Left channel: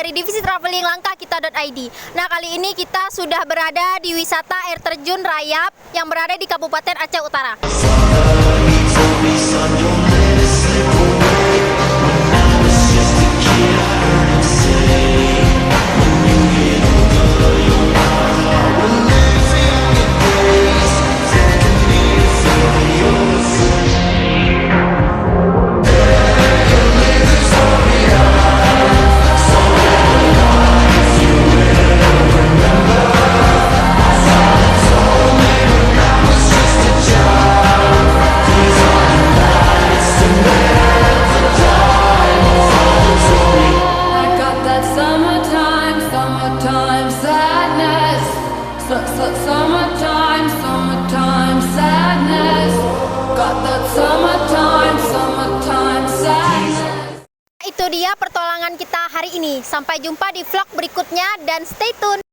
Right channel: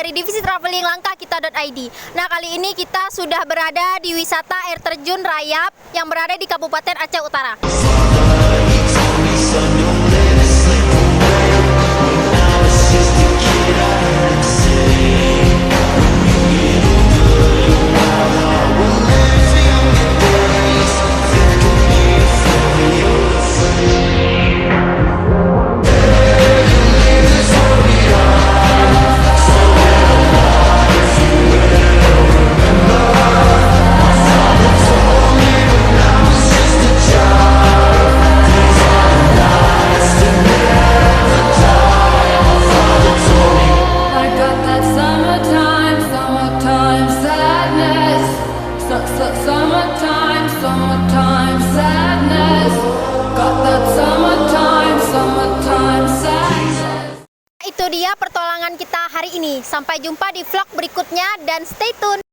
dari divisi traveling langkahkita.id. Nah, kali ini kita sudah berada di wisata air terjun Rayap yang berada di Kabupaten Aceh Utara. Summertime sadness. Got that summertime sadness. Itu dia pertolongan kita hari ini. Sampai jumpa di vlog berikutnya dan stay tune.